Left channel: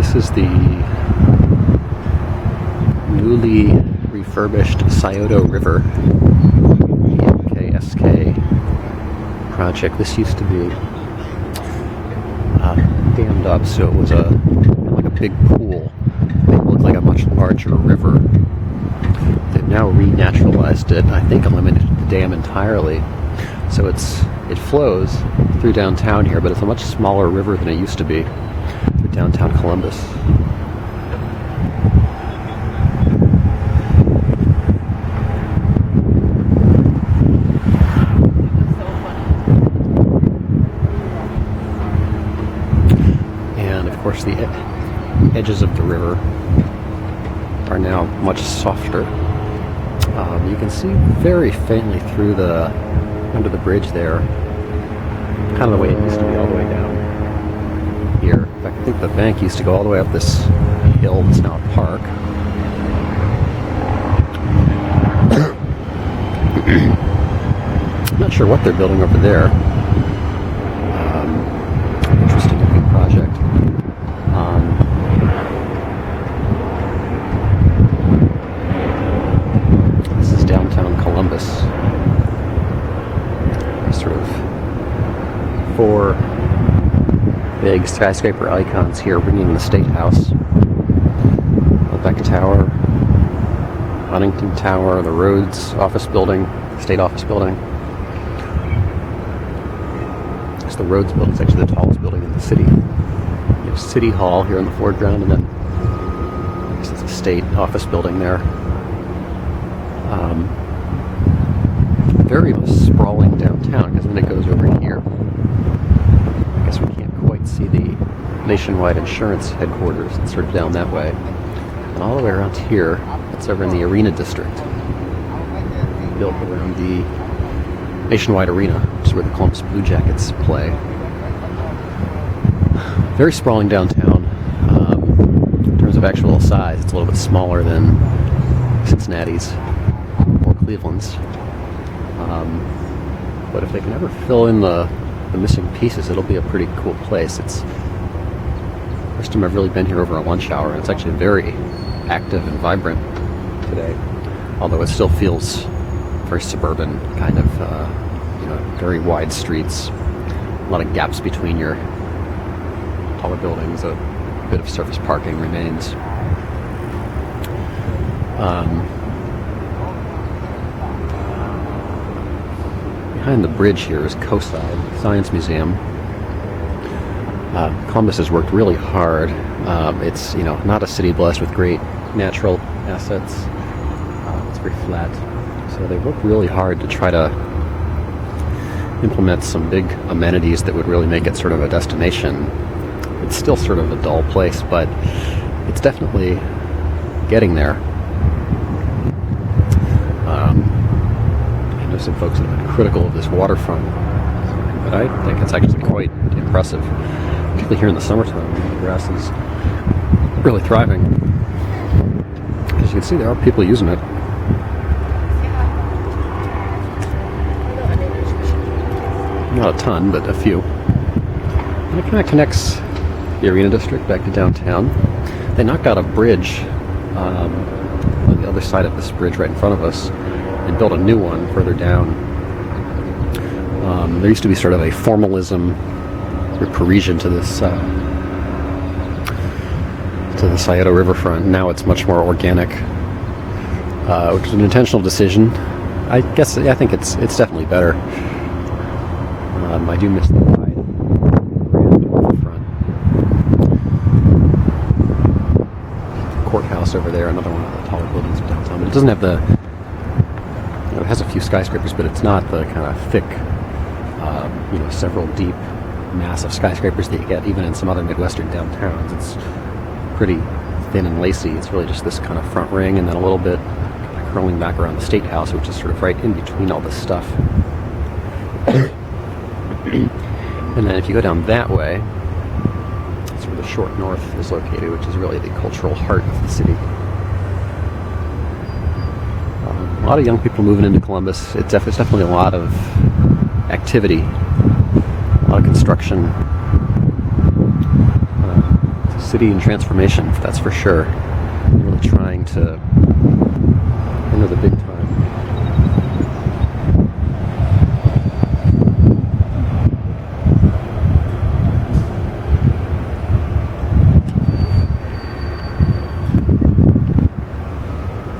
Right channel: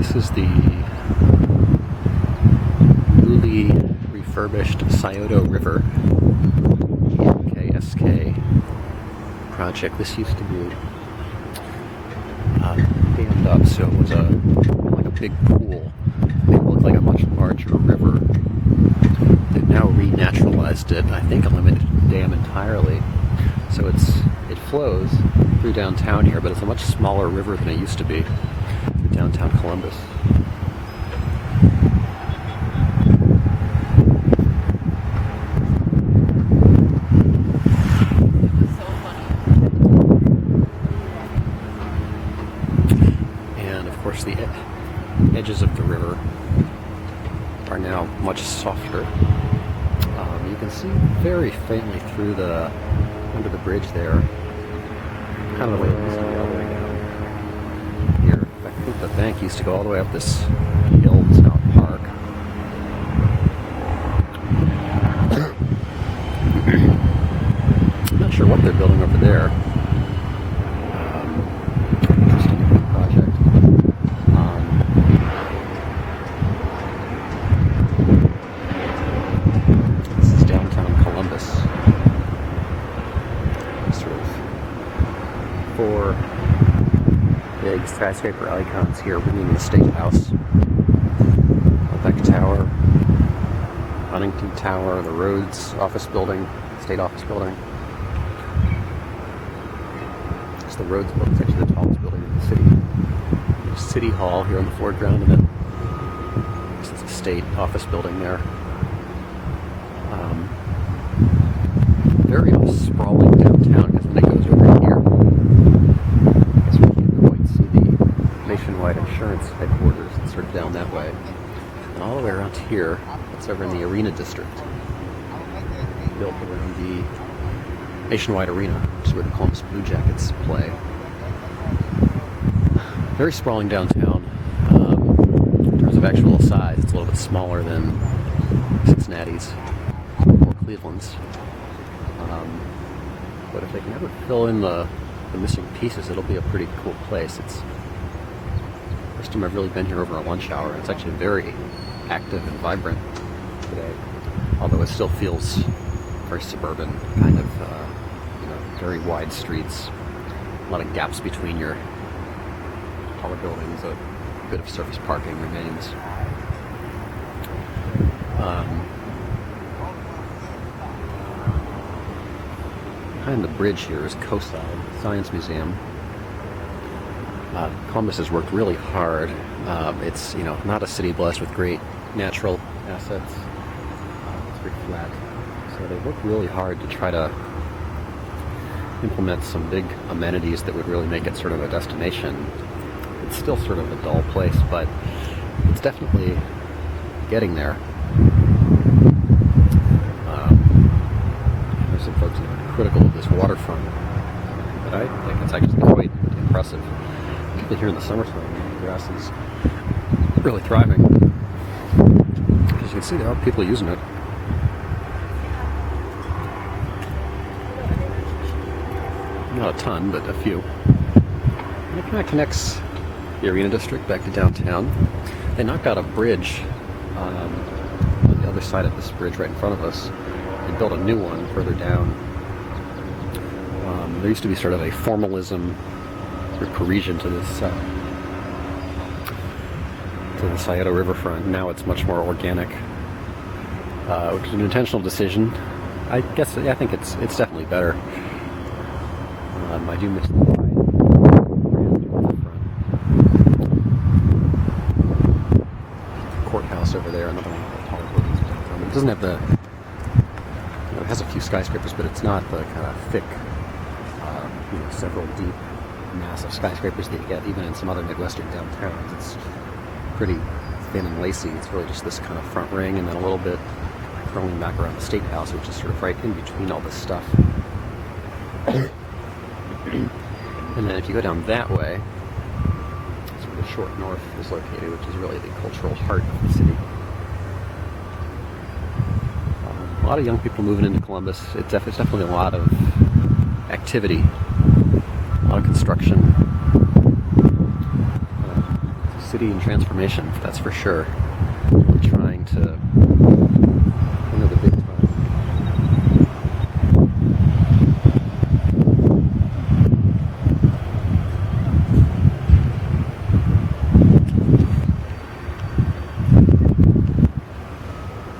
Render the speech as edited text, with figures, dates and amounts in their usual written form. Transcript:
This is the newly refurbished Scioto River, the MKSK project. This used to be dammed up, so it was like a big pool. It looked like a much larger river. They've now renaturalized it. I think eliminated the dam entirely, so it flows through downtown here, but it's a much smaller river than it used to be through downtown Columbus. And of course the edges of the river are now much softer. You can see very faintly through under the bridge there, kind of the way it used to be all the way down here. In fact, I think the bank used to go all the way up this hill. It's now a park. I'm not sure what they're building over there. Interesting looking project. This is downtown Columbus. There's sort of 4 big skyscraper icons here ringing the State House. The Beck Tower, Huntington Tower, the Rhodes Office Building, State Office Building. It's the Rhodes Building. It's actually the tallest building in the city. You have City Hall here in the foreground, and then there's a State Office Building there. Very sprawling downtown, because then it goes over here. I guess we can't quite see the Nationwide Insurance headquarters. It's sort of down that way. And all the way around here, it's over in the Arena District, built around the Nationwide Arena, which is where the Columbus Blue Jackets play. Very sprawling downtown. In terms of actual size, it's a little bit smaller than Cincinnati's or Cleveland's. But if they can ever fill in the missing pieces, it'll be a pretty cool place. It's the first time I've really been here over a lunch hour, and it's actually very active and vibrant today. Although it still feels very suburban, kind of, very wide streets, a lot of gaps between your taller buildings. A bit of surface parking remains. Behind the bridge here is COSI, Science Museum. Columbus has worked really hard. It's not a city blessed with great natural assets. It's very flat, so they worked really hard to try to implement some big amenities that would really make it sort of a destination. It's still sort of a dull place, but it's definitely getting there. There's some folks that have been critical of this waterfront, but I think it's actually quite impressive, particularly here in the summertime when the grass is really thriving. As you can see, there are people using it. Not a ton, but a few. And it kind of connects the Arena District back to downtown. They knocked out a bridge on the other side of this bridge right in front of us and built a new one further down. There used to be sort of a formalism, sort of Parisian to the Scioto Riverfront. Now it's much more organic, which is an intentional decision. I think it's definitely better. I do miss the wide, grand riverfront. Courthouse over there, another one of the taller buildings of downtown. But it doesn't have it has a few skyscrapers, but it's not the kind of thick, several deep, massive skyscrapers that you get even in some other Midwestern downtowns. It's pretty thin and lacy. It's really just this kind of front ring, and then a little bit curling back around the State House, which is sort of right in between all this stuff. And then if you go down that way, that's where the Short North is located, which is really the cultural heart of the city. A lot of young people moving into Columbus. It's definitely a lot of activity, a lot of construction. city in transformation, that's for sure. Really trying to enter the big time.